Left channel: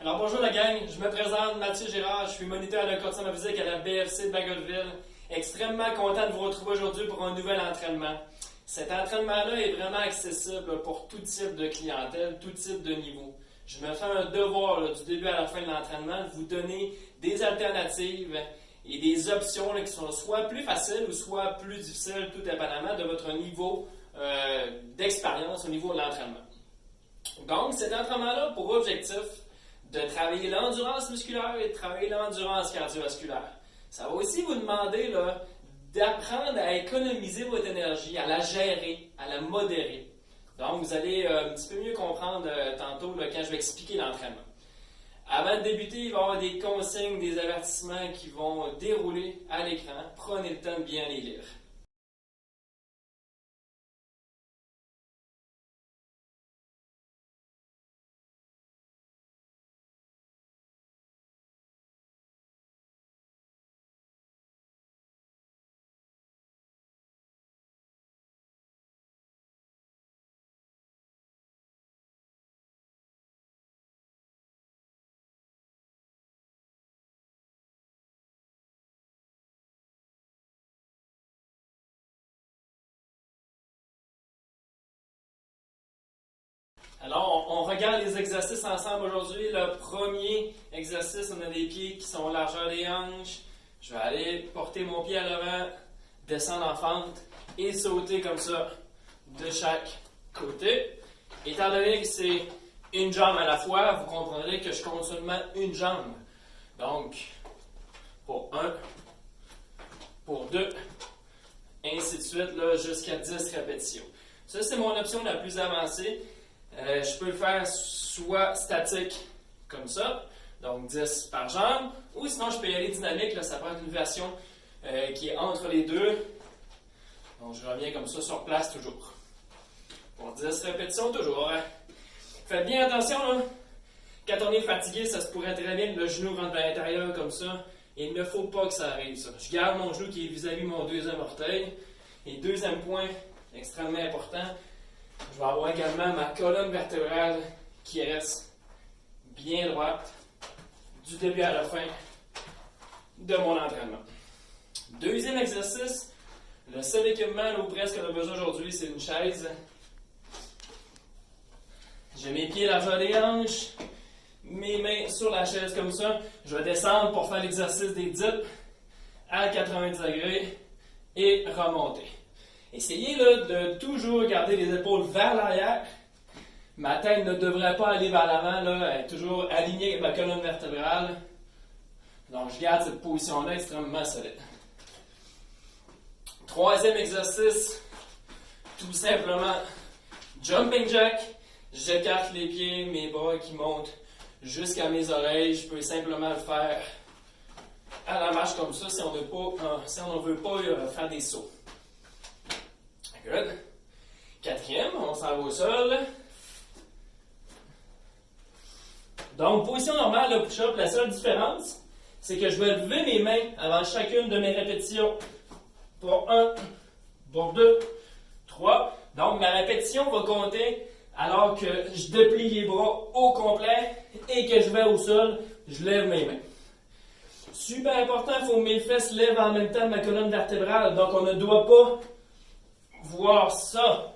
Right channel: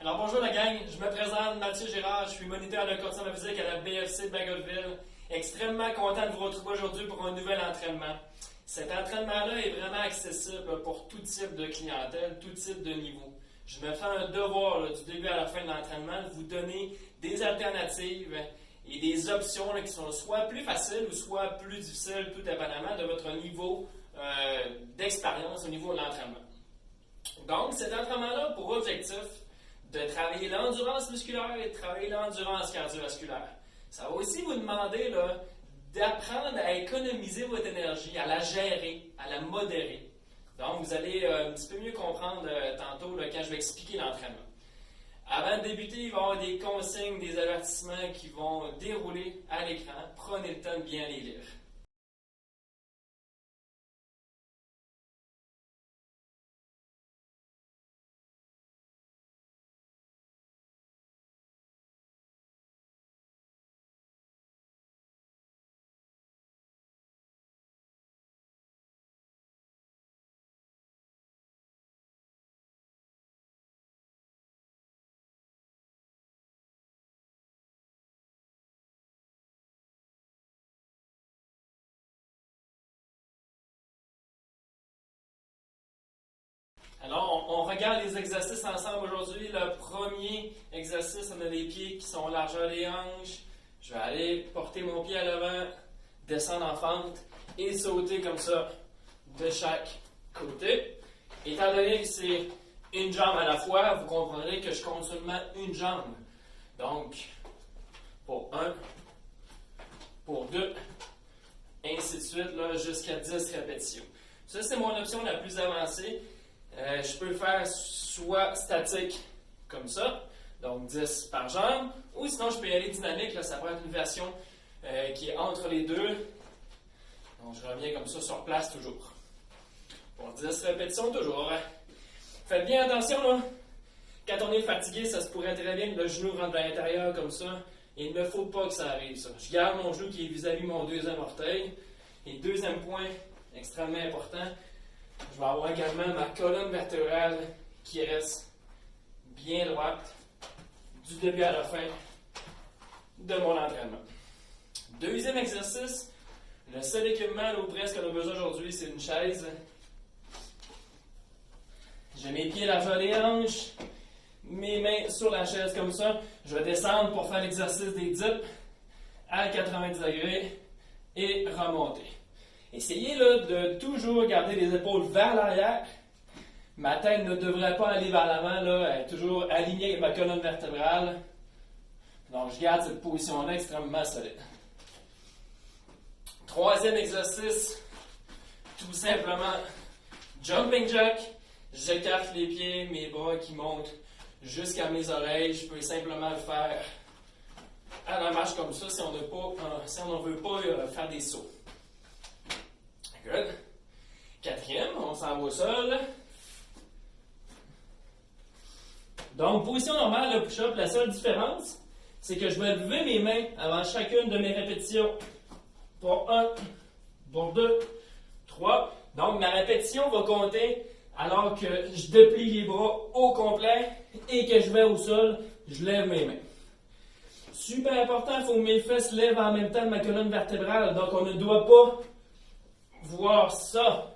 Alors bonjour la gang, je me présente Mathieu Girard, je suis moniteur de condition physique à la BFC de Bagotville. Extrêmement content de vous retrouver aujourd'hui pour un nouvel entraînement. Cet entraînement-là est vraiment accessible pour tout type de clientèle, tout type de niveau. Je me fais un devoir du début à la fin de l'entraînement de vous donner des alternatives et des options qui sont soit plus faciles ou soit plus difficiles, tout dépendamment de votre niveau d'expérience au niveau de l'entraînement. Donc, cet entraînement-là a pour objectif de travailler l'endurance musculaire et de travailler l'endurance cardiovasculaire. Ça va aussi vous demander d'apprendre à économiser votre énergie, à la gérer, à la modérer. Donc, vous allez un petit peu mieux comprendre tantôt quand je vais expliquer l'entraînement. Avant de débuter, il va y avoir des consignes, des avertissements qui vont dérouler à l'écran. Prenez le temps de bien les lire. Alors, on regarde les exercices ensemble aujourd'hui. Le premier exercice, on a des pieds qui sont largeur des hanches. Je vais aller porter mon pied à l'avant, descendre en fente et sauter comme ça de chaque côté. Étant donné que c'est une jambe à la fois, vous comprendrez que je compte seulement une jambe. Donc, pour 1, pour 2, ainsi de suite, jusqu'à 10 répétitions. Ça, c'est mon option la plus avancée. Je peux le faire soit statique, comme ça, donc 10 par jambe, ou sinon je peux y aller dynamique, ça prend une version qui est entre les deux. Donc je reviens comme ça sur place toujours. Pour 10 répétitions toujours. Faites bien attention, quand on est fatigué, ça se pourrait très bien que le genou rentre à l'intérieur comme ça. Il ne faut pas que ça arrive, ça. Je garde mon genou qui est vis-à-vis mon deuxième orteil. Et deuxième point, extrêmement important, je vais avoir également ma colonne vertébrale qui reste bien droite du début à la fin de mon entraînement. Deuxième exercice, le seul équipement ou presque qu'on a besoin aujourd'hui, c'est une chaise. J'ai mes pieds largeur des hanches, mes mains sur la chaise comme ça. Je vais descendre pour faire l'exercice des dips à 90 degrés et remonter. Essayez de toujours garder les épaules vers l'arrière. Ma tête ne devrait pas aller vers l'avant, elle est toujours alignée avec ma colonne vertébrale. Donc, je garde cette position-là extrêmement solide. Troisième exercice, tout simplement, jumping jack. J'écarte les pieds, mes bras qui montent jusqu'à mes oreilles. Je peux simplement le faire à la marche comme ça si on ne veut pas faire des sauts. Good. Quatrième, on s'en va au sol. Donc, position normale, le push-up, la seule différence, c'est que je vais lever mes mains avant chacune de mes répétitions. Pour 1, pour 2, 3. Donc, ma répétition va compter alors que je déplie les bras au complet et que je vais au sol, je lève mes mains. Super important, il faut que mes fesses lèvent en même temps ma colonne vertébrale. Donc, on ne doit pas voir ça.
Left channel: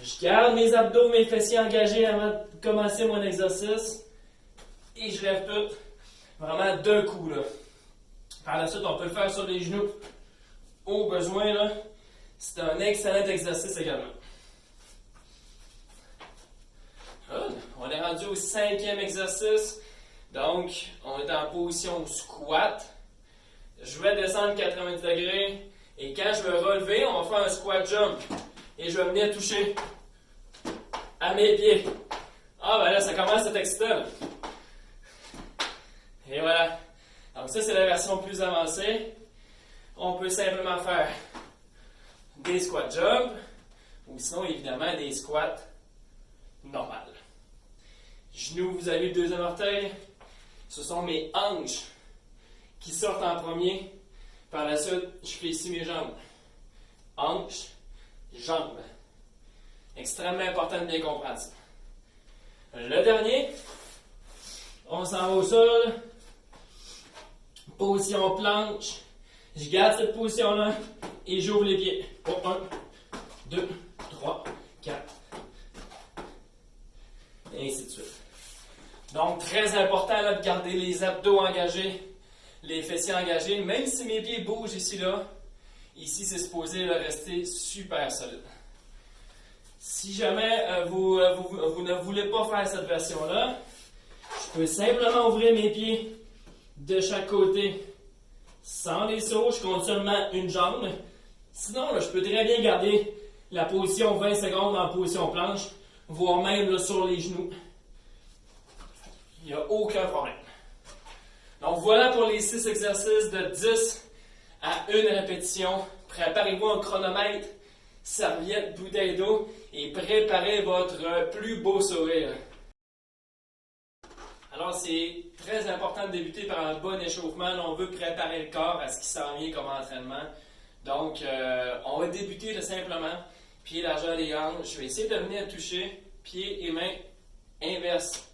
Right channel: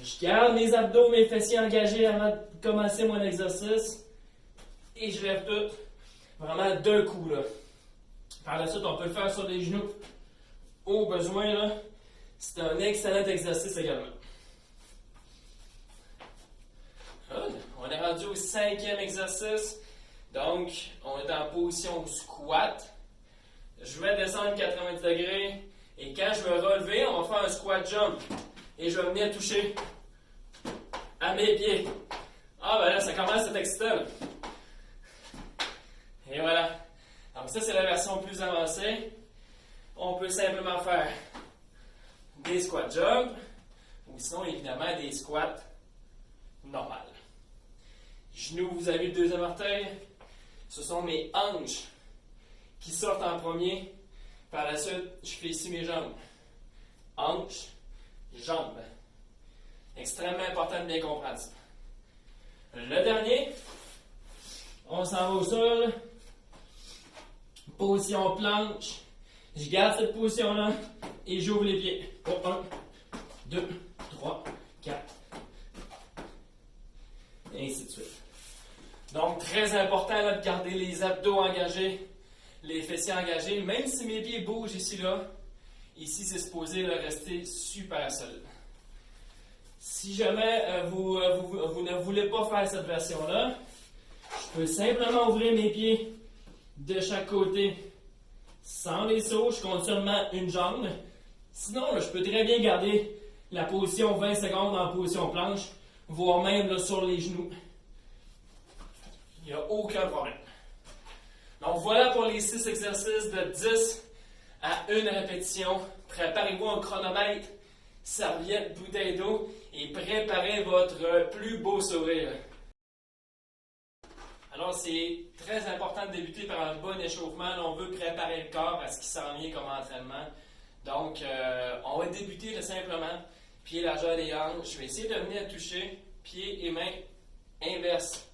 Je garde mes abdos, mes fessiers engagés avant de commencer mon exercice et je lève tout vraiment d'un coup. Par la suite, on peut le faire sur les genoux au besoin. C'est un excellent exercice également. On est rendu au 5e exercice. Donc, on est en position squat. Je vais descendre 90 degrés. Et quand je vais relever, on va faire un squat jump. Et je vais venir toucher à mes pieds. Ah ben là, ça commence à être excitant. Et voilà. Donc ça, c'est la version plus avancée. On peut simplement faire des squat jump. Ou sinon, évidemment, des squats normales. Genoux, vous avez le deuxième orteil. Ce sont mes hanches qui sortent en premier. Par la suite, je fais ici mes jambes. Hanches, jambes. Extrêmement important de bien comprendre ça. Le dernier, On s'en va au sol. Position planche. Je garde cette position-là et j'ouvre les pieds. Pour 1, 2, 3, 4. Et ainsi de suite. Donc, très important là, de garder les abdos engagés, les fessiers engagés, même si mes pieds bougent ici, là. Ici, c'est supposé là, rester super solide. Si jamais vous ne voulez pas faire cette version-là, je peux simplement ouvrir mes pieds de chaque côté sans les sauts. Je compte seulement une jambe. Sinon, là, je peux très bien garder la position 20 secondes en position planche, voire même là, sur les genoux. Il n'y a aucun problème. Donc voilà pour les 6 exercices de 10 à 1 répétition. Préparez-vous un chronomètre, serviette, bouteille d'eau et préparez votre plus beau sourire. Alors c'est très important de débuter par un bon échauffement. Là, on veut préparer le corps à ce qui s'en vient comme entraînement. Donc on va débuter de simplement pied largeur des hanches. Je vais essayer de venir toucher pieds et mains inverses.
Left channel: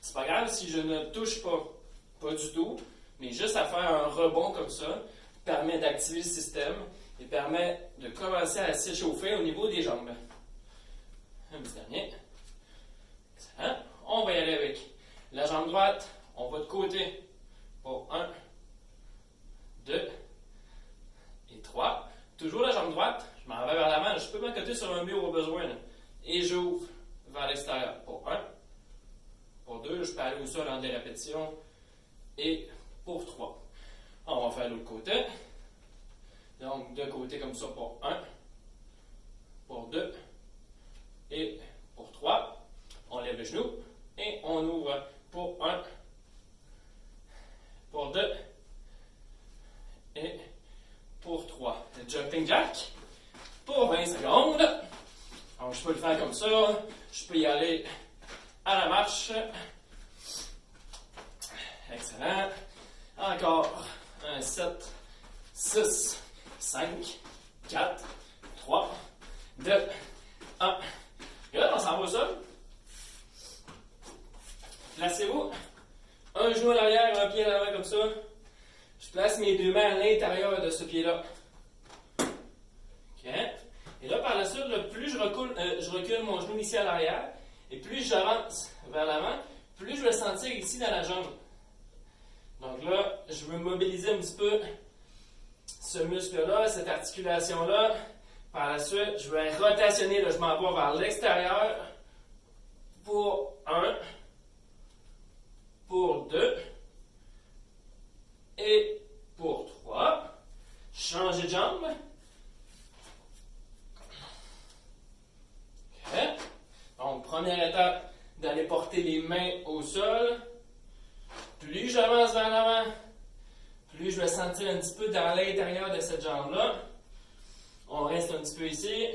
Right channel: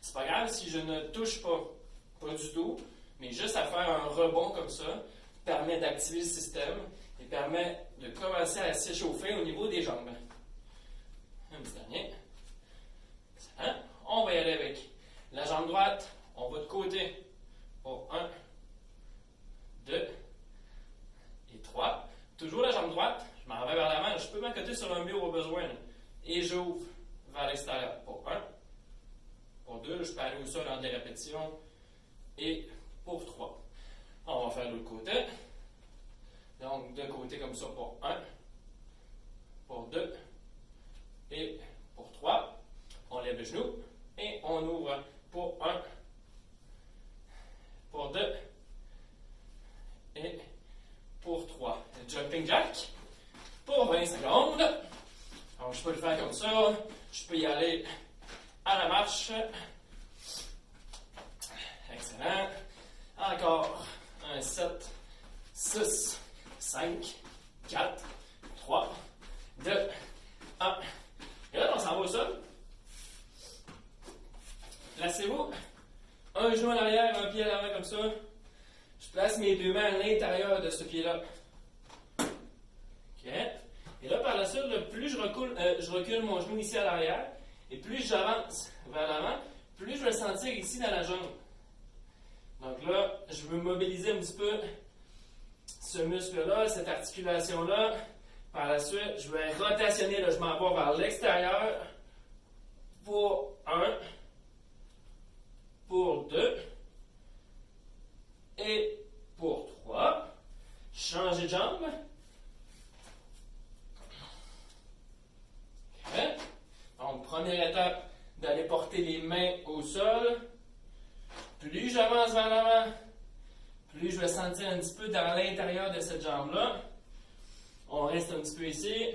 C'est pas grave si je ne touche pas du tout, mais juste à faire un rebond comme ça permet d'activer le système et permet de commencer à s'échauffer au niveau des jambes. Un petit dernier. Excellent. On va y aller avec la jambe droite. On va de côté pour 1, 2 et 3. Toujours la jambe droite. Je m'en vais vers l'avant. Je peux m'accoter sur un mur au besoin. Là. Et j'ouvre vers l'extérieur pour 1. Pour 2, je peux aller au sol en des répétitions. Et pour 3. On va faire l'autre côté. Donc, de côté comme ça pour 1. Pour 2. Et pour 3. On lève le genou. Et on ouvre pour 1. Pour 2. Et pour 3. Le jumping jack. Pour 20 secondes. Donc, je peux le faire comme ça. Je peux y aller à la marche. Excellent. Encore un 7, 6, 5, 4, 3, 2, 1. Et là, on s'en va au sol. Placez-vous. Un genou à l'arrière, un pied à l'avant comme ça. Je place mes 2 mains à l'intérieur de ce pied-là. OK. Et là, par la suite, plus je recule mon genou ici à l'arrière, et plus j'avance vers l'avant, plus je vais le sentir ici dans la jambe. Donc là, je veux mobiliser un petit peu ce muscle-là, cette articulation-là. Par la suite, je vais rotationner, là, je m'en vais vers l'extérieur pour 1, pour 2 et pour 3. Changer de jambe. OK. Donc, première étape, d'aller porter les mains au sol. Plus j'avance vers l'avant, plus je vais sentir un petit peu dans l'intérieur de cette jambe-là. On reste un petit peu ici.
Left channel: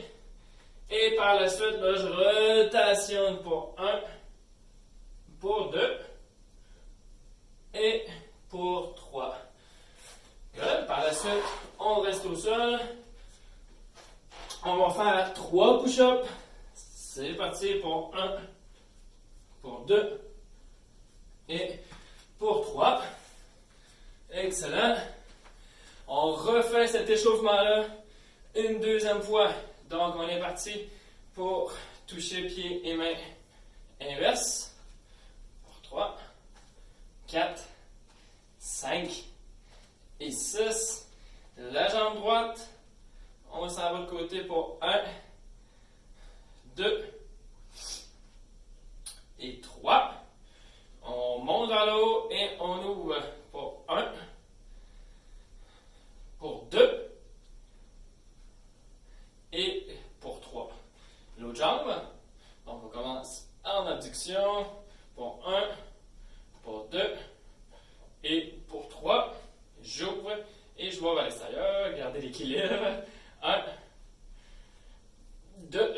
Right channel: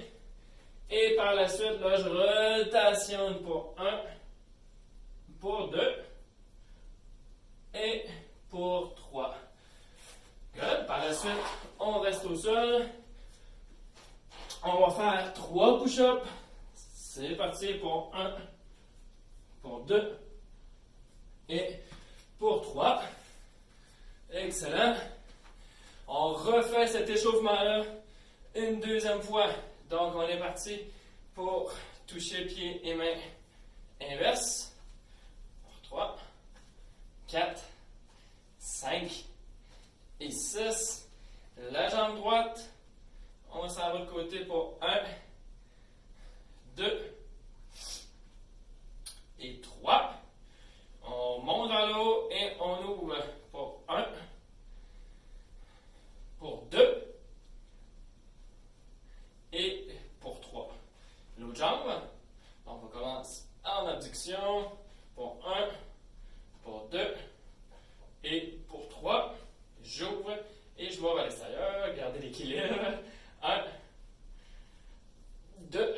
Et par la suite, là, je rotationne pour 1, pour 2 et pour 3. Good. Par la suite, on reste au sol. On va faire 3 push-ups. C'est parti pour 1, pour 2 et pour 3. Excellent. On refait cet échauffement-là une deuxième fois. Donc, on est parti pour toucher pieds et mains inverses. Pour 3, 4, 5 et 6. La jambe droite. On s'en va de côté pour 1, 2 et 3. On monte vers le haut et on ouvre pour 1, pour 2 et pour 3. L'autre jambe, donc on commence en abduction pour 1, pour 2 et pour 3. J'ouvre et je vais vers l'extérieur. Gardez l'équilibre. 1, 2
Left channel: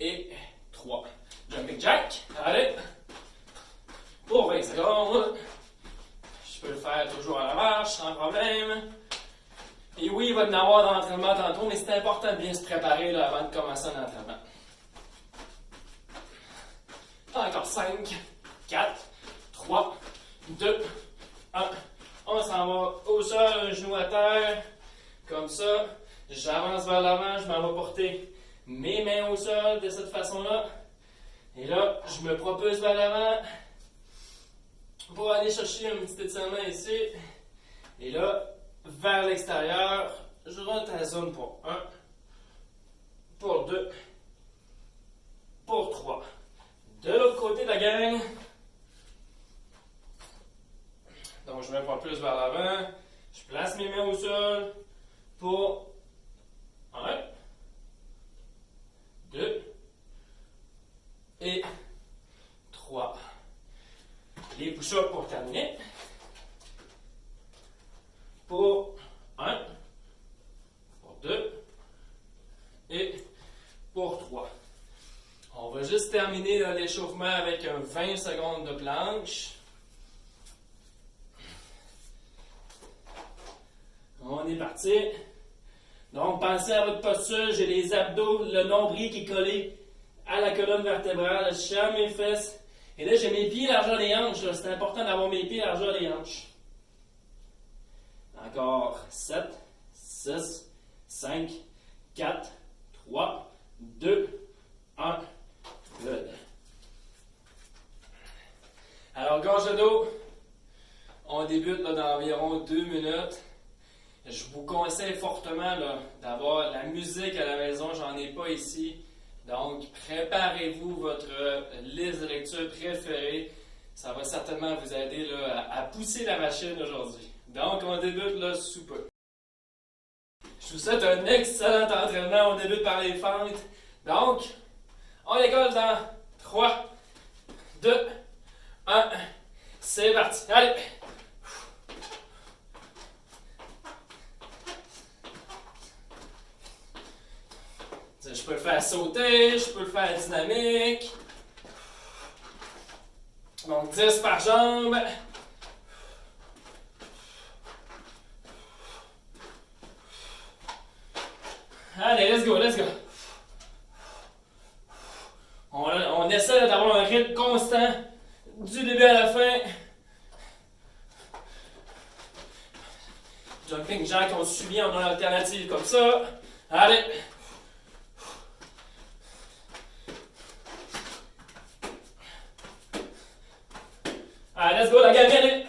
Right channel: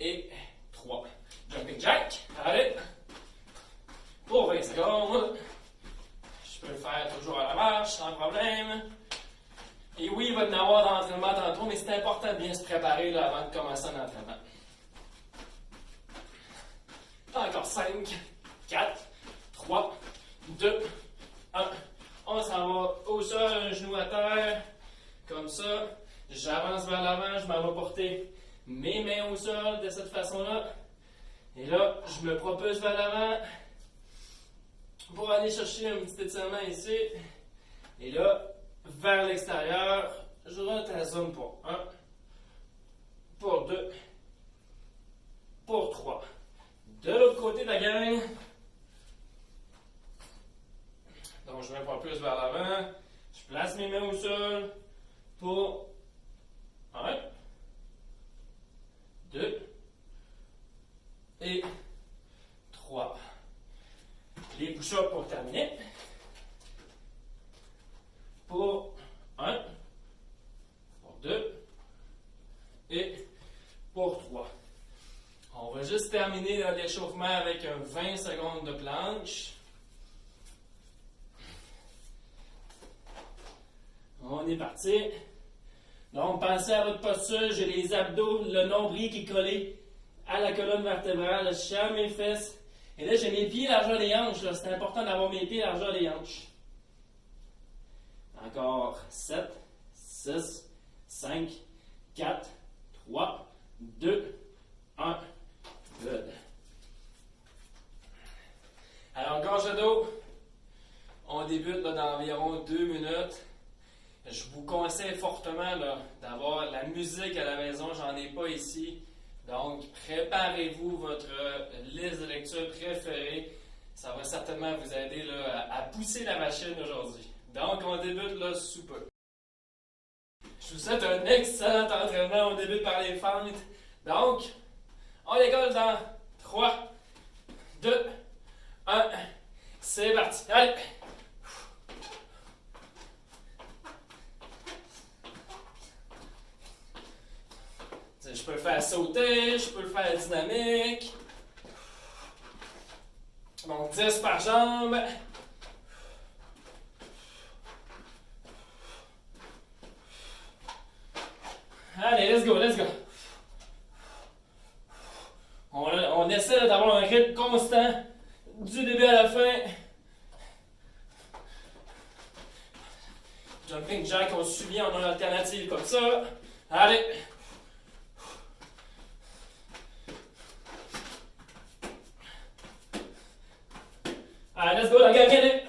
et 3. Jumping jack. Allez. Pour 20 secondes. Je peux le faire toujours à la marche, sans problème. Et oui, il va y en avoir d'entraînement tantôt, mais c'est important de bien se préparer là, avant de commencer un entraînement. Encore 5, 4, 3, 2, 1. On s'en va au sol, un genou à terre. Comme ça. J'avance vers l'avant, je m'en vais porter mes mains au sol de cette façon-là. Et là, je me propulse vers l'avant pour aller chercher un petit étirement ici. Et là, vers l'extérieur, je rentre à la zone pour 1, pour 2, pour 3. De l'autre côté de la gang, donc je me propulse vers l'avant, je place mes mains au sol pour 1, 2 et 3. Les push-ups pour terminer. Pour 1, pour 2 et pour 3. On va juste terminer l'échauffement avec un 20 secondes de planche. On est parti. Donc, pensez à votre posture. J'ai les abdos, le nombril qui est collé à la colonne vertébrale. Je serre mes fesses. Et là, j'ai mes pieds largeur des hanches. C'est important d'avoir mes pieds largeur des hanches. Encore 7, 6, 5, 4, 3, 2, 1. Good. Alors, gorge de dos. On débute là, dans environ 2 minutes. Je vous conseille fortement d'avoir la musique à la maison. J'en ai pas ici. Donc, préparez-vous votre liste de lecture préférée. Ça va certainement vous aider là, à pousser la machine aujourd'hui. Donc, on débute là sous peu. Je vous souhaite un excellent entraînement. On débute par les fentes. Donc, on décolle dans 3, 2, 1. C'est parti. Allez! Je peux le faire sauter, je peux le faire dynamique. Donc 10 par jambe. Allez, let's go, let's go. On essaie d'avoir un rythme constant du début à la fin. Jumping jack, on suit en alternative comme ça. Allez. Allez, let's go, la gang, allez!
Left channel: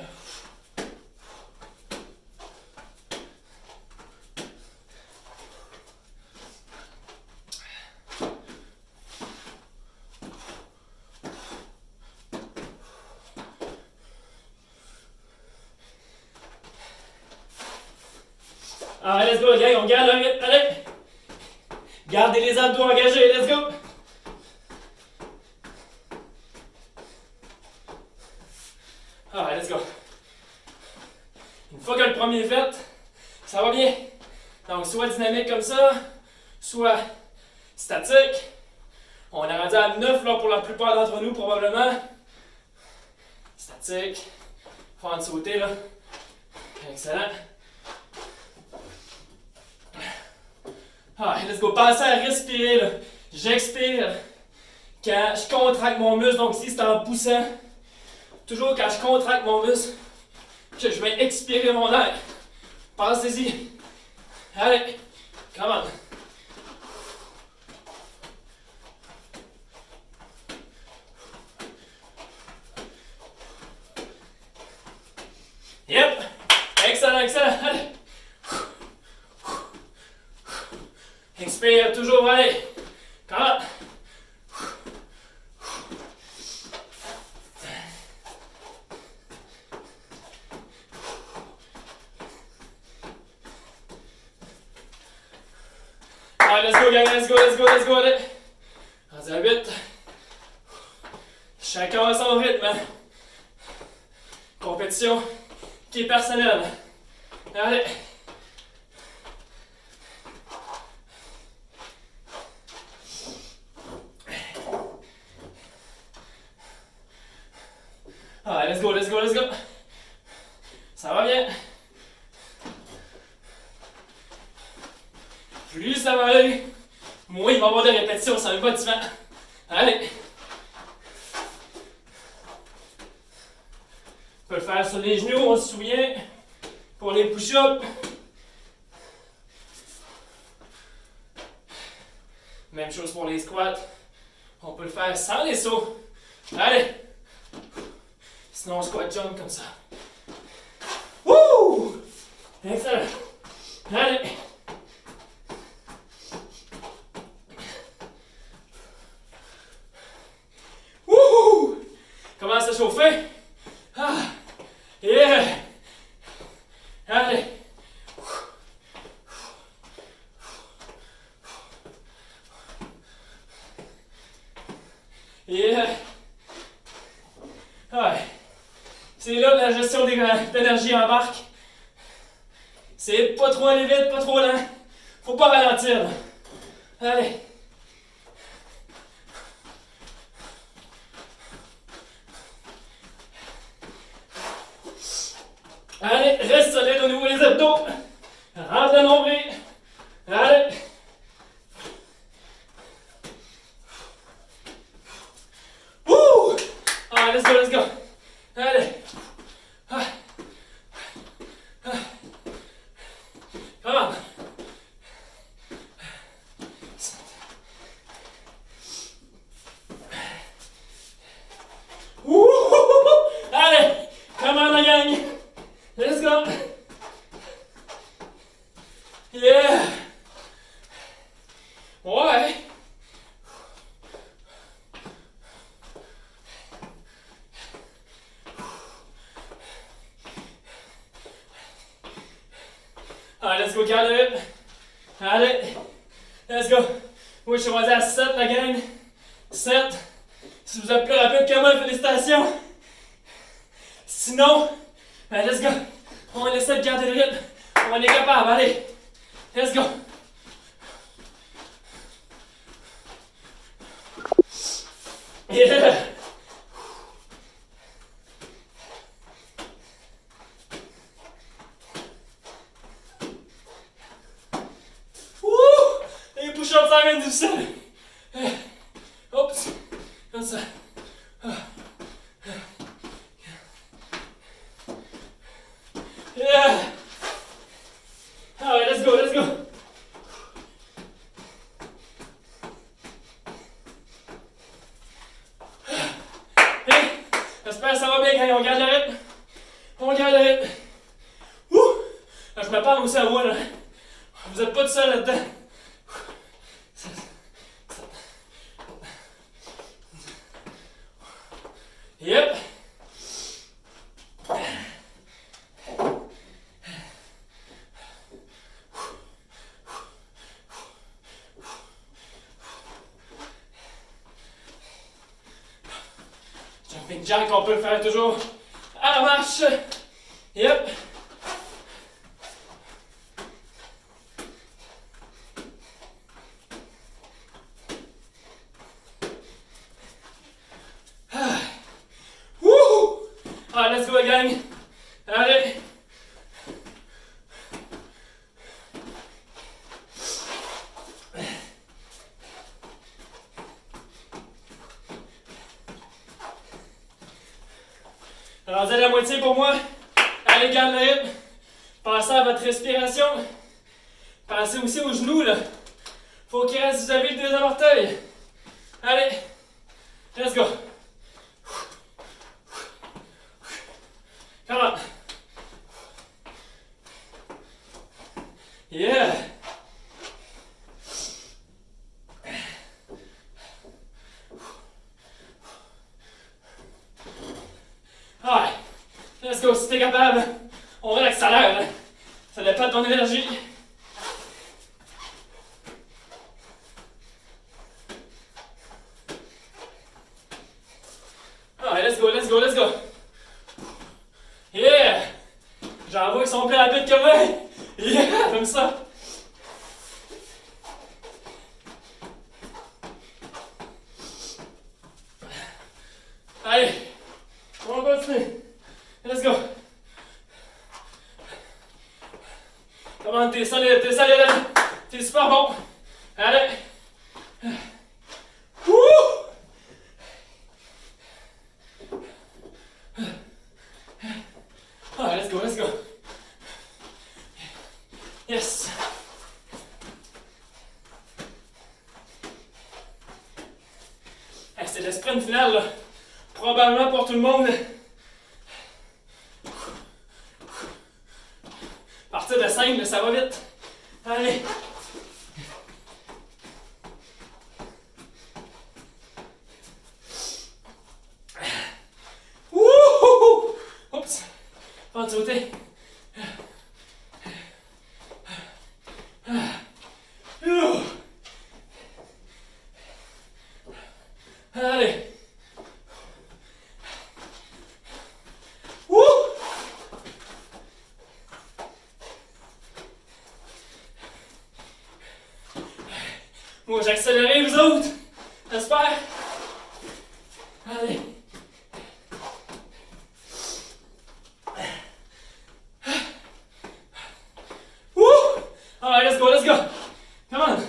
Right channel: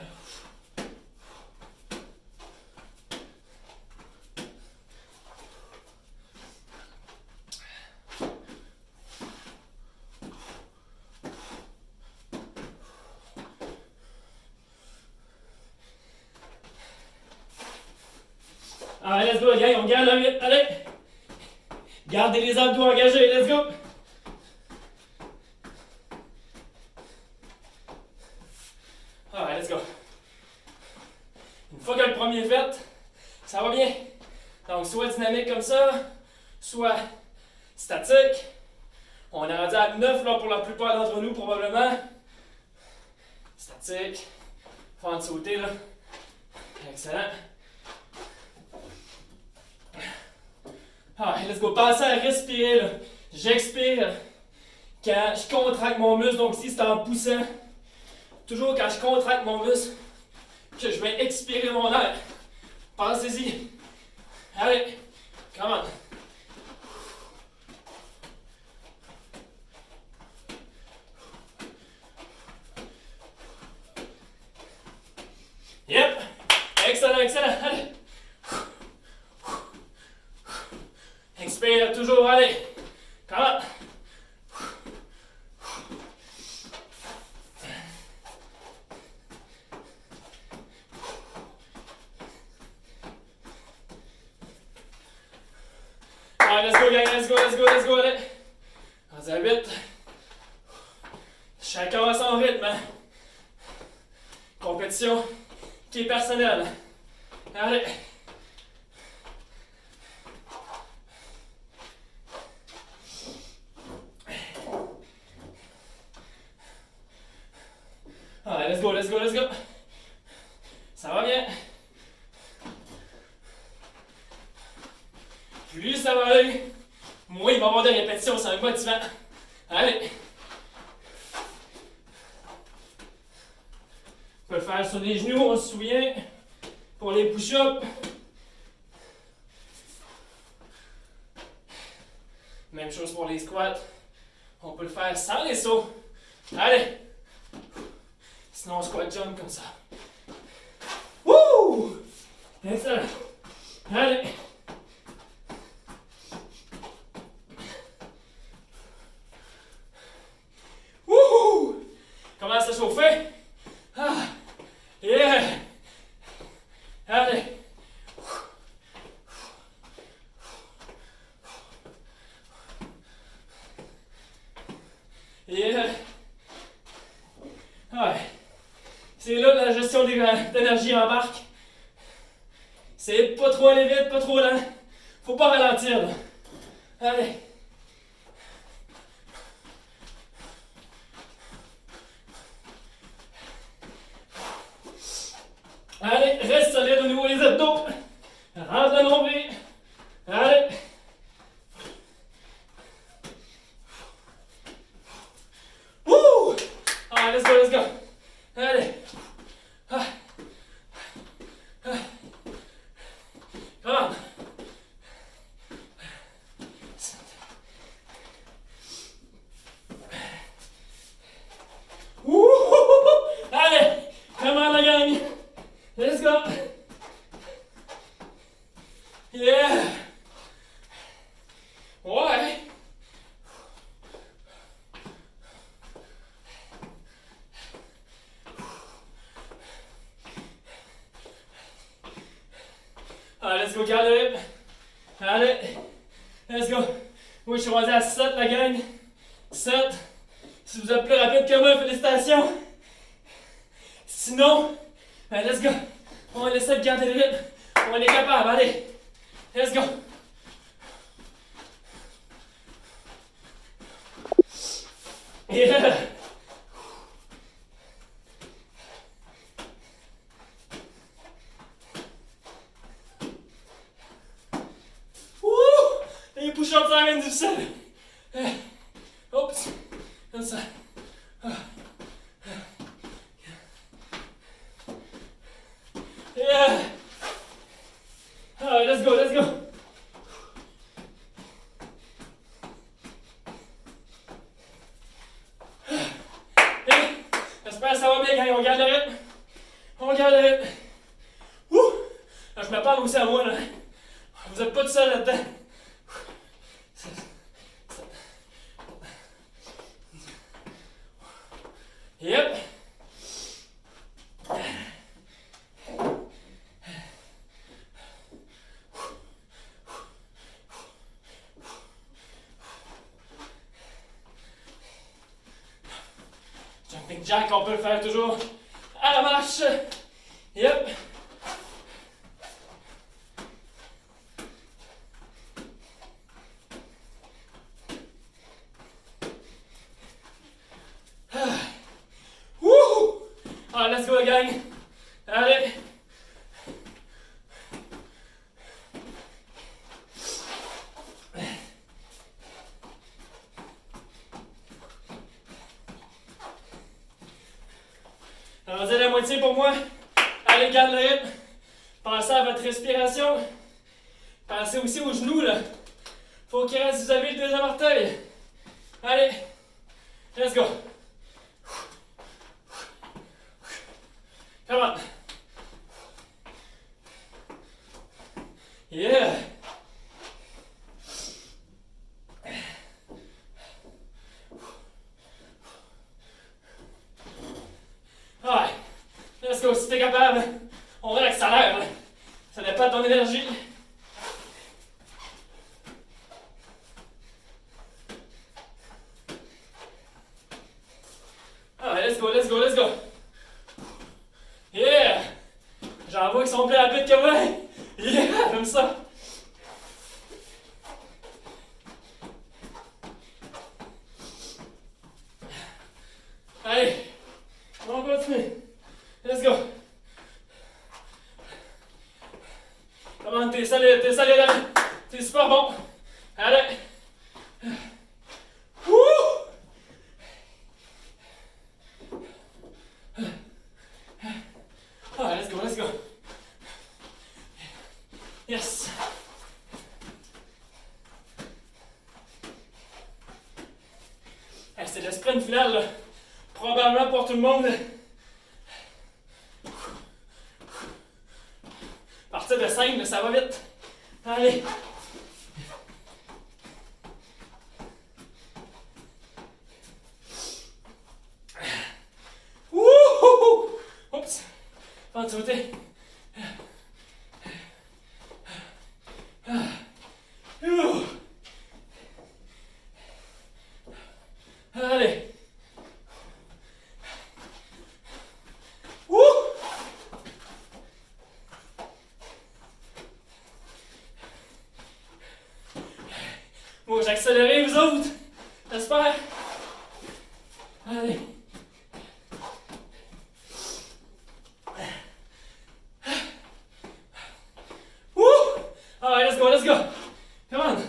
Allez, let's go, la gang, on garde le rythme, allez! Gardez les abdos engagés, let's go! Alright, let's go. Une fois que le premier est fait, ça va bien. Donc, soit dynamique comme ça, soit statique. On est rendu à 9 là, pour la plupart d'entre nous, probablement. Statique. Faire de sauter, là. Excellent. Alright, let's go. Pensez à respirer, là. J'expire quand je contracte mon muscle. Donc, ici, c'est en poussant. Toujours quand je contracte mon muscle, que je vais expirer mon air. Pensez-y. Allez, come on. Yep. Excellent, excellent. Allez. Expire toujours, allez. Come on. Allez, let's go, gang, let's go, let's go, let's go, allez. On à 8. Chacun à son rythme. Compétition qui est personnelle. Allez. Allez, let's go, let's go, let's go. Ça va bien. Plus ça va aller, moins il va y avoir de répétitions, ça va être motivant. Allez. faire sur les genoux, on se souvient. Pour les push-ups. Même chose pour les squats. On peut le faire sans les sauts. Allez! Sinon, on squat jump comme ça. Wouh! Excellent. Allez! Wouh! Commence à chauffer. Ah! Yeah! Allez! Yeah! Ouais. C'est là que la gestion d'énergie embarque. C'est pas trop aller vite, pas trop lent. Faut pas ralentir. Là. Allez. Allez, reste solide au niveau des abdos. Rentre le nombril. Allez. Wouh! Ah, let's go, let's go. Allez. Ah. Ah. Come on. Wouh! Allez. Come on, la gang. Let's go. Yeah. Ouais. Allez, let's go, Caleb. Allez. Let's go. Oui, je suis rendu à 7, la gang. 7. Si vous êtes plus rapide que moi, félicitations. Sinon, ben, let's go. On essaie de garder le rythme. On est capable. Allez. Let's go. Yeah. Wouh! Les push-ups, ça devient difficile. Oups. Comme ça. Yeah. Alright, let's go, let's go. Hey, j'espère que ça va bien, gang. On garde le rythme. On garde le rythme. Ouh! Là, je me parle aussi à moi, là. Vous n'êtes pas tout seul là-dedans. Yep. Jumping jack, on peut le faire toujours à la marche. Yep. Allez, let's go, gang. Allez. Rendu à la moitié pour moi. Allez, garde le rythme. Pensez à votre respiration. Pensez aussi aux genoux, là. Faut qu'il reste, vous avez le deuxième orteil. Allez. Let's go. Come on. Yeah. Alright. Let's go. Si t'es capable, on va l'accélérer. Ça dépend de ton énergie. Alright, let's go, let's go, let's go. Yeah! J'en vois qui sont plus rapides que moi! Yeah! Comme ça! Allez! On continue! Let's go! Comment t'es solide, allez! T'es super bon! Allez! Wouh! C'est le sprint final, là. Probablement pour tout le monde. À partir de 5, ça va vite. Allez. Wouhou! Oups. Pas de sauter. Allez. Wouh! Moi, j'ai accéléré, vous autres. J'espère. Allez. Wouh! Alright, let's go, let's go. Come on.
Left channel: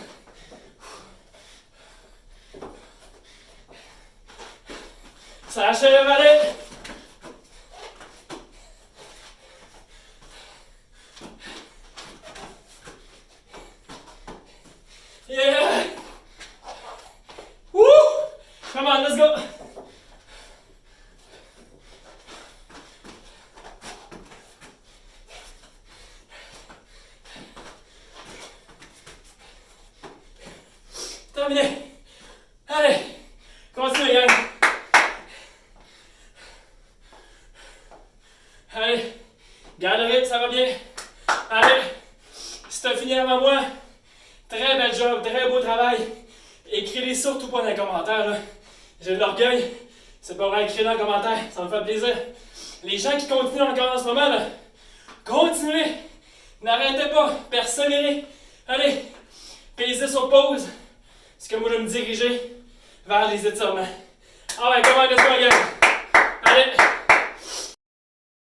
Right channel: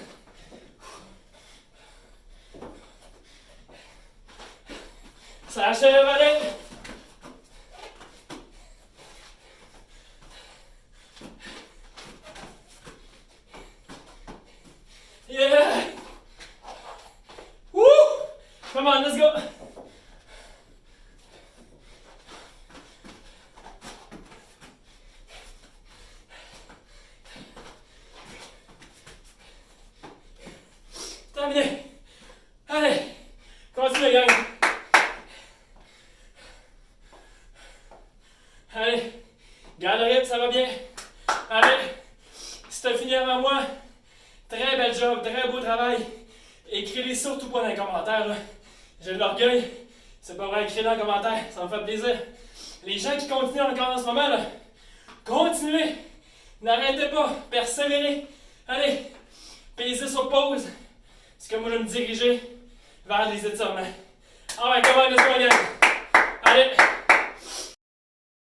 Ça achève, allez. Yeah! Woo! Come on, let's go! Terminé! Allez! Continue, gang! Allez! Garde le rythme, ça va bien! Allez! Si t'as fini avant moi, très bel job, très beau travail. Écrivez surtout pas dans les commentaires, là. J'ai de l'orgueil. C'est pas vrai, écrivez dans les commentaires, ça me fait plaisir. Les gens qui continuent encore en ce moment, là, continuez! N'arrêtez pas, persévérez. Allez, pesez sur pause. C'est comme moi, je vais me diriger vers les étirements. Ah ouais, comment est-ce qu'on gagne? Allez!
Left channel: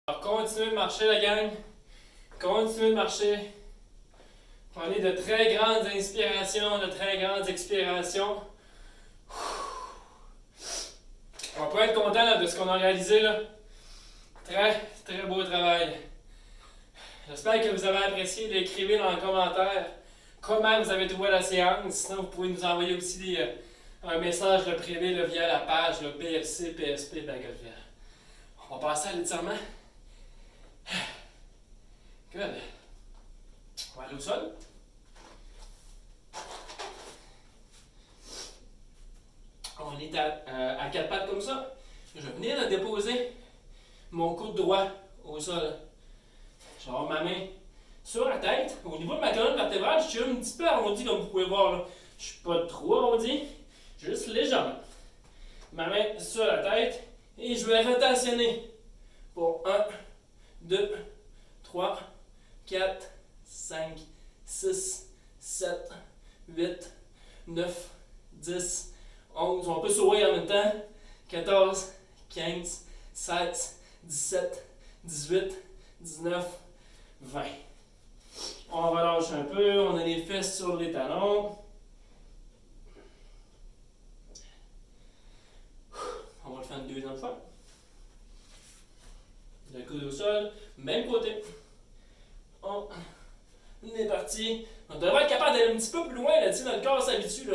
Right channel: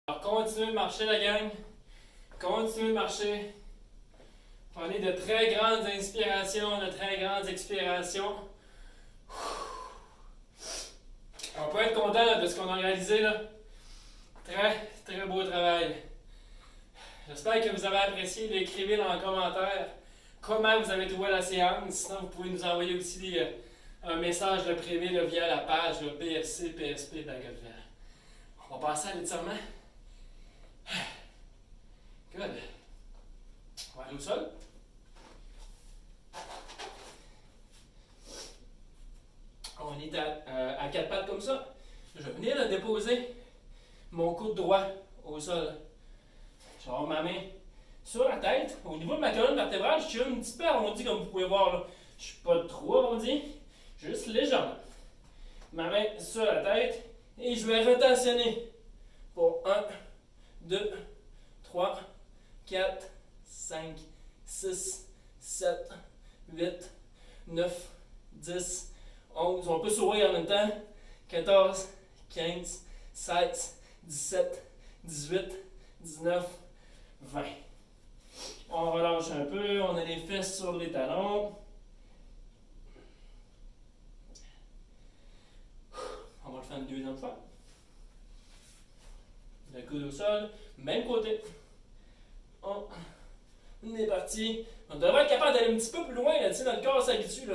Alors, continuez de marcher, la gang. Continuez de marcher. Prenez de très grandes inspirations, de très grandes expirations. On peut être content là, de ce qu'on a réalisé là. Très, très beau travail. J'espère que vous avez apprécié. Écrivez dans les commentaires comment vous avez trouvé la séance. Sinon, vous pouvez nous envoyer aussi un message privé via la page PFC, PSP, Bagotville. On va passer à l'étirement. Good. On va aller au sol. On est à quatre pattes comme ça. Je vais venir déposer mon coude droit au sol. Je vais avoir ma main sur la tête. Au niveau de ma colonne vertébrale, je suis un petit peu arrondi comme vous pouvez voir. Là. Je ne suis pas trop arrondi, juste légèrement. Ma main sur la tête et je vais rotationner pour 1, 2, 3, 4, 5, 6, 7, 8, 9, 10, 11. On peut sourire en même temps. 14, 15, 16, 17, 18, 19, 20. On relâche un peu. On a les fesses sur les talons. On va le faire une deuxième fois. Le coude au sol. Même côté. On est parti. On devrait être capable d'aller un petit peu plus loin. Là, notre corps s'habitue.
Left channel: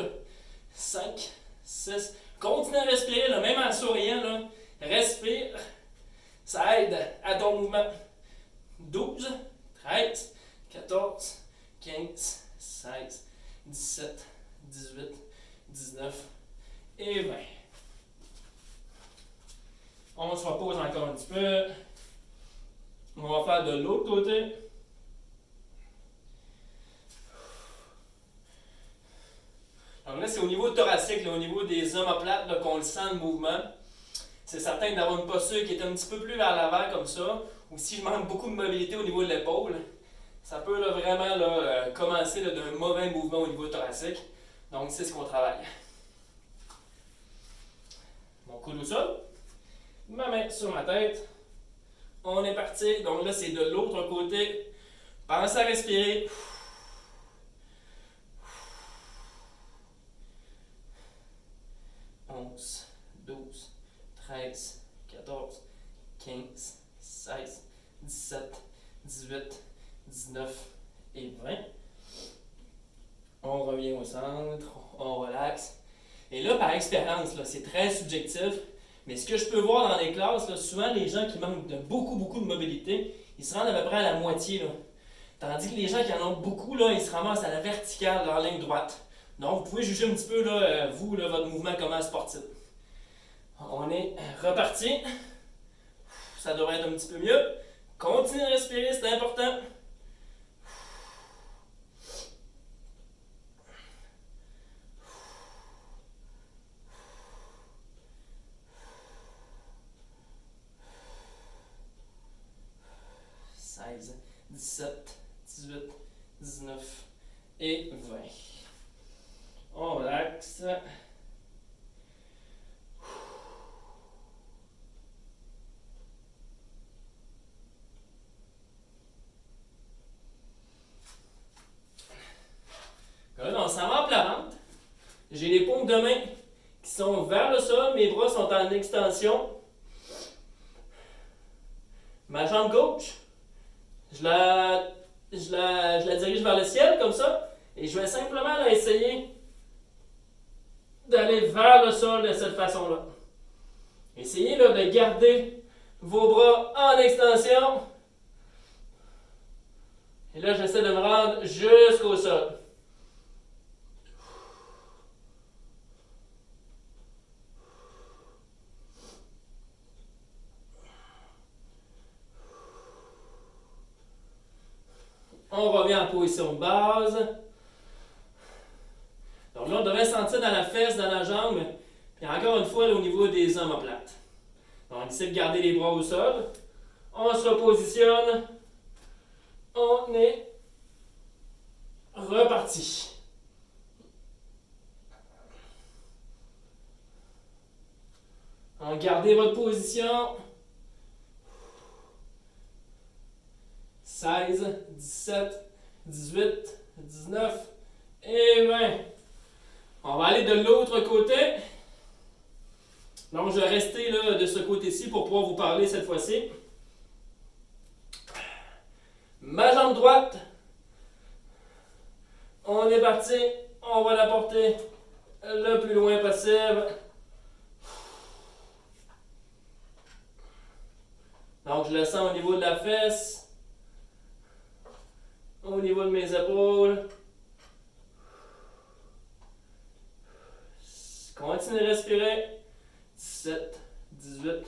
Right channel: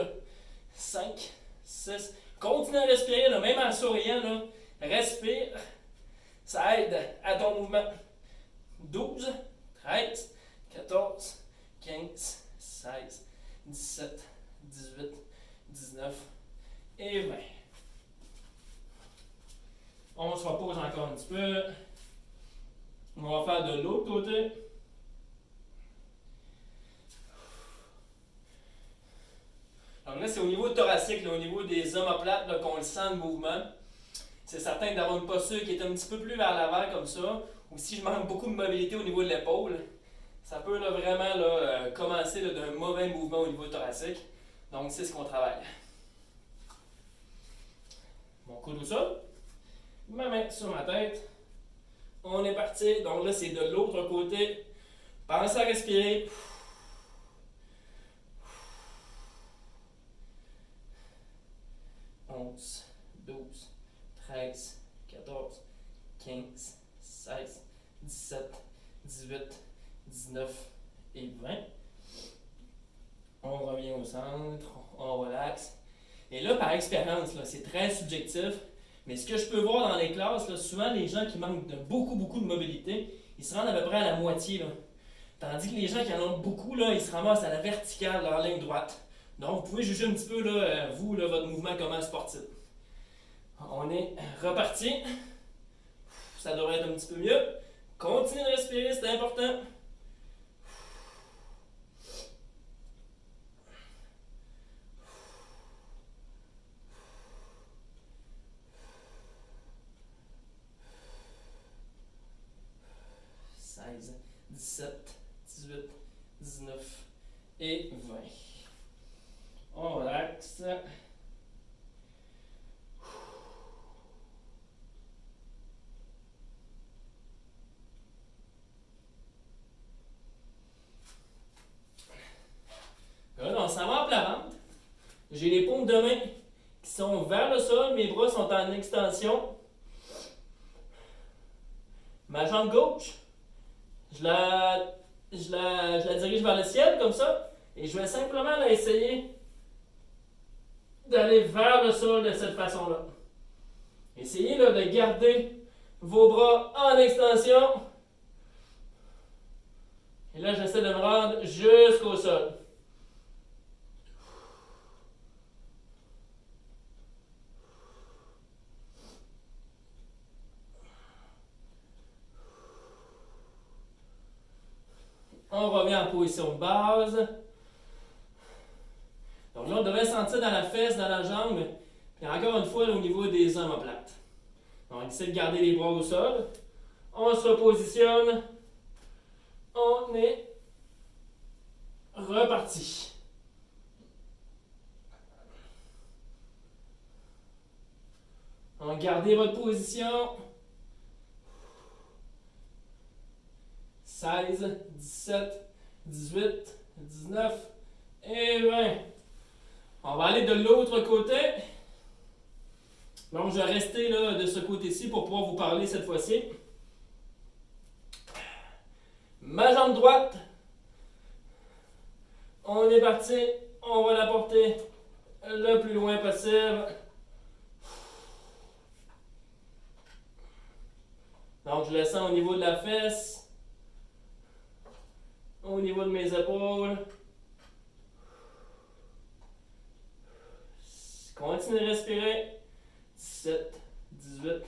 5, 6. Continue à respirer, là, même en souriant. Là. Respire. Ça aide à ton mouvement. 12, 13, 14, 15, 16, 17, 18, 19 et 20. On se repose encore un petit peu. On va faire de l'autre côté. Alors là, c'est au niveau thoracique, là, au niveau des omoplates, qu'on le sent le mouvement. C'est certain d'avoir une posture qui est un petit peu plus vers l'avant comme ça. Ou si je manque beaucoup de mobilité au niveau de l'épaule, ça peut là, vraiment commencer d'un mauvais mouvement au niveau thoracique. Donc c'est ce qu'on travaille. Mon coude au sol, ma main sur ma tête. On est parti. Donc là, c'est de l'autre côté. Pensez à respirer. 11, 12, 13, 14, 15, 16, 17, 18, 19 et 20. On revient au centre, on relaxe. Et là, par expérience, là, c'est très subjectif, mais ce que je peux voir dans les classes, là, souvent les gens qui manquent de beaucoup de mobilité, ils se rendent à peu près à la moitié. Là. Tandis que les gens qui en ont beaucoup, là, ils se ramassent à la verticale, dans la ligne droite. Donc, vous pouvez juger un petit peu, là, vous, là, votre mouvement comment sportif. On est reparti. Ça devrait être un petit peu mieux. Continuez à respirer, c'est important. 16, 17, 18, 19 et 20. On relaxe. Là, on s'en va en planante. J'ai les paumes de main qui sont vers le sol, mes bras sont en extension. Ma jambe gauche, je la dirige vers le ciel comme ça, et je vais simplement là, essayer d'aller vers le sol de cette façon-là. Essayez là, de garder vos bras en extension. Et là, j'essaie de me rendre jusqu'au sol. On revient en position de base. Donc là, on devrait sentir dans la fesse, dans la jambe, puis encore une fois là, au niveau des omoplates. Donc, on essaie de garder les bras au sol. On se repositionne. On est reparti. Donc, gardez votre position. 16, 17, 18, 19 et 20. On va aller de l'autre côté. Donc, je vais rester là, de ce côté-ci pour pouvoir vous parler cette fois-ci. Ma jambe droite. On est parti. On va la porter le plus loin possible. Donc, je le sens au niveau de la fesse. Au niveau de mes épaules. Continuez de respirer. 17, 18,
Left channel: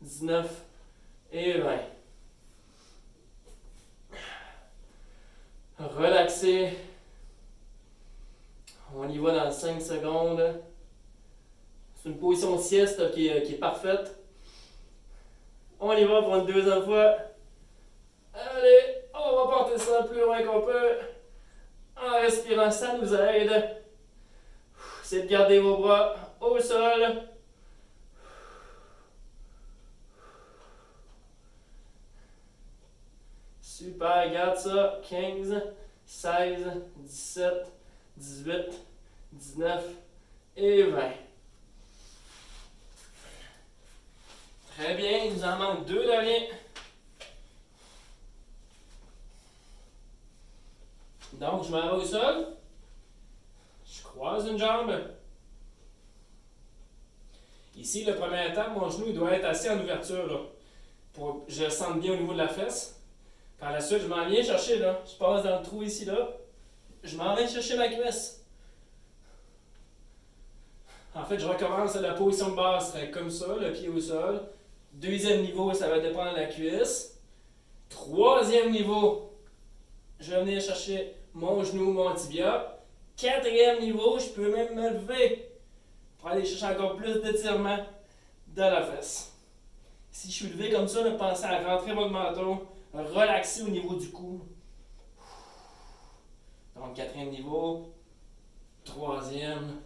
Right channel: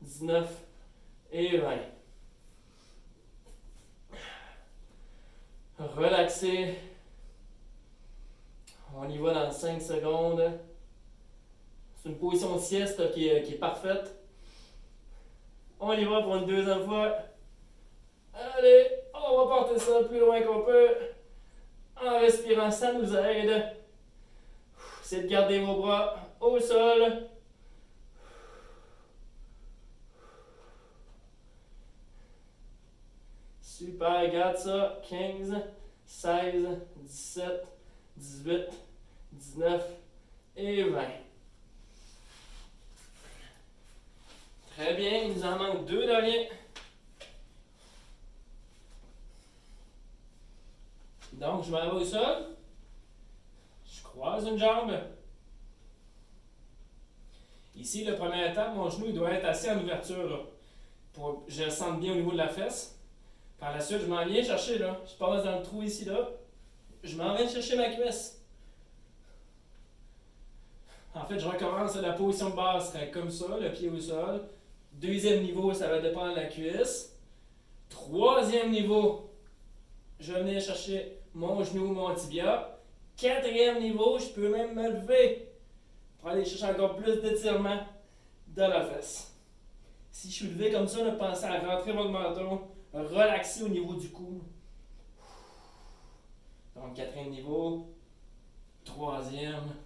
19 et 20. Relaxez. On y va dans 5 secondes. C'est une position de sieste qui est parfaite. On y va pour une deuxième fois. Allez, on va porter ça le plus loin qu'on peut. En respirant, ça nous aide. C'est de garder vos bras au sol. Super, garde ça. 15, 16, 17, 18, 19 et 20. Très bien, il nous en manque 2 derniers. Donc, je m'en vais au sol. Je croise une jambe. Ici, le premier étape, mon genou il doit être assez en ouverture. Là, pour que je le sente bien au niveau de la fesse. Par la suite, je m'en viens chercher là. Je passe dans le trou ici là. Je m'en viens chercher ma cuisse. En fait, je recommence. La position de base serait comme ça, le pied au sol. Deuxième niveau, ça va dépendre de la cuisse. Troisième niveau, je vais venir chercher mon genou, mon tibia. Quatrième niveau, je peux même me lever pour aller chercher encore plus d'étirement dans la fesse. Si je suis levé comme ça, pensez à rentrer votre menton, relaxer au niveau du cou. Donc, quatrième niveau, troisième,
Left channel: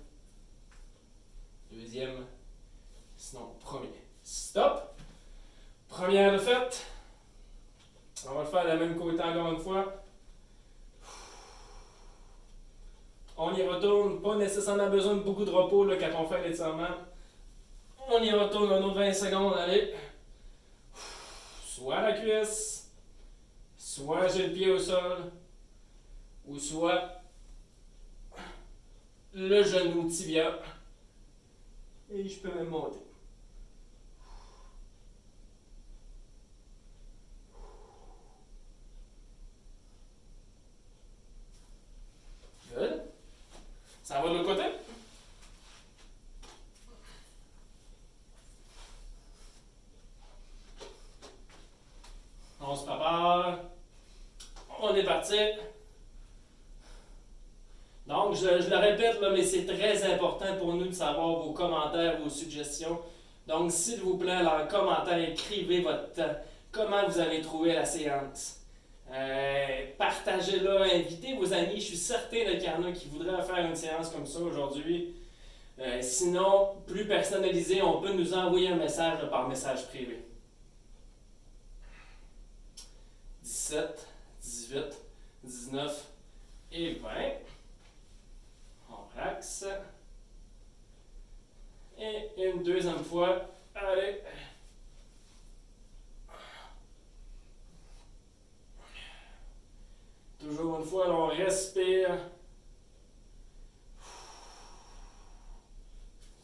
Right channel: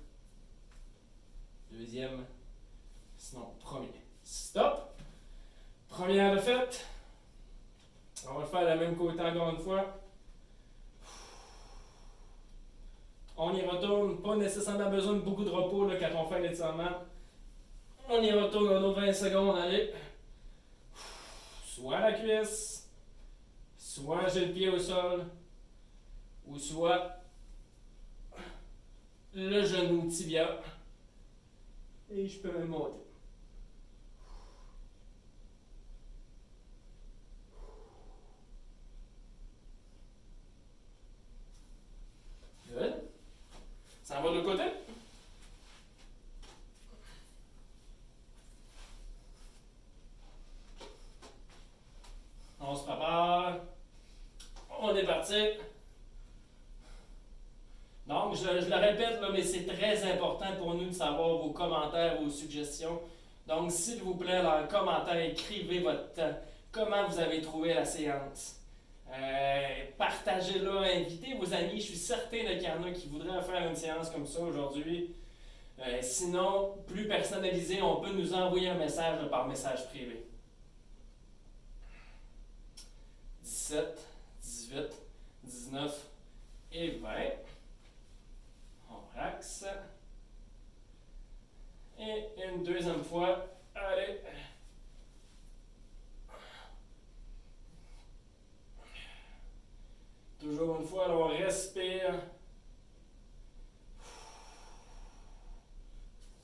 deuxième, sinon premier. Stop! Première de faite. On va le faire de la même côté encore une fois. On y retourne, pas nécessairement besoin de beaucoup de repos là, quand on fait l'étirement. On y retourne un autre 20 secondes, allez. Soit la cuisse, soit j'ai le pied au sol, ou soit le genou tibia Et je peux même monter. Good. Ça va de l'autre côté? On se prépare. On est parti. Donc, je le répète, là, mais c'est très important pour nous de savoir vos commentaires, vos suggestions. Donc, s'il vous plaît, en commentaire, écrivez comment vous avez trouvé la séance. Partagez-la, invitez vos amis. Je suis certain qu'il y en a qui voudraient faire une séance comme ça aujourd'hui. Sinon, plus personnalisé, on peut nous envoyer un message par message privé. 17, 18, 19 et 20. On relaxe. Et une deuxième fois. Allez. Toujours une fois, on respire.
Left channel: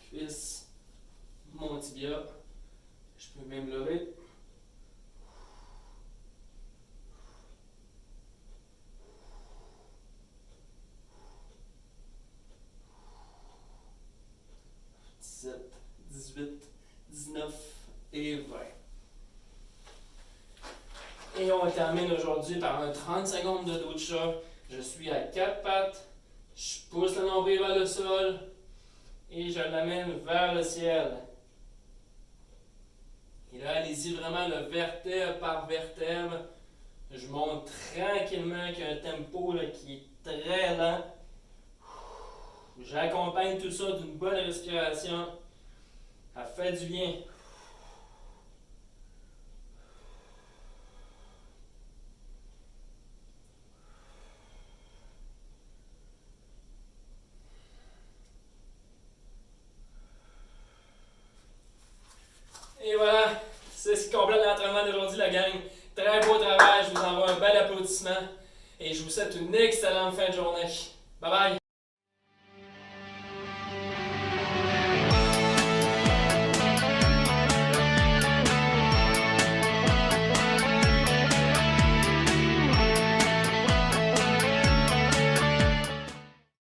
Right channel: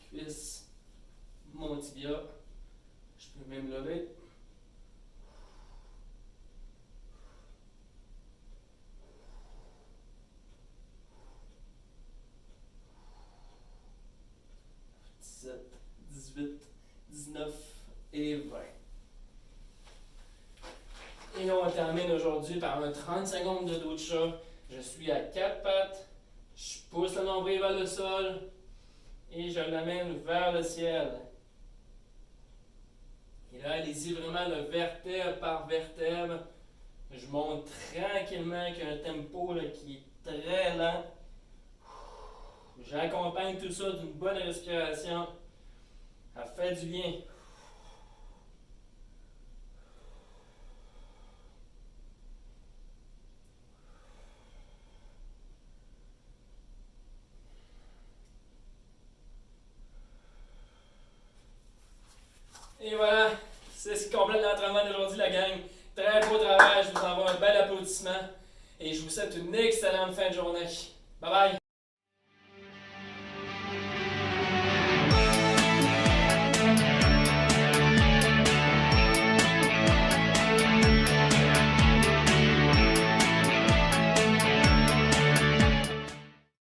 Cuisse. Mon tibia. Je peux même lever. Et 20. Et on termine aujourd'hui par un 30 secondes de dos de chat. Je suis à 4 pattes. Je pousse le nombril vers le sol et je l'amène vers le ciel. Et là, allez-y vraiment le vertèbre par vertèbre. Je monte tranquillement avec un tempo là, qui est très lent. J'accompagne tout ça d'une bonne respiration. Ça fait du bien. Et voilà, c'est ce qui complète l'entraînement d'aujourd'hui, la gang. Très beau travail, je vous envoie un bel applaudissement et je vous souhaite une excellente fin de journée. Bye bye!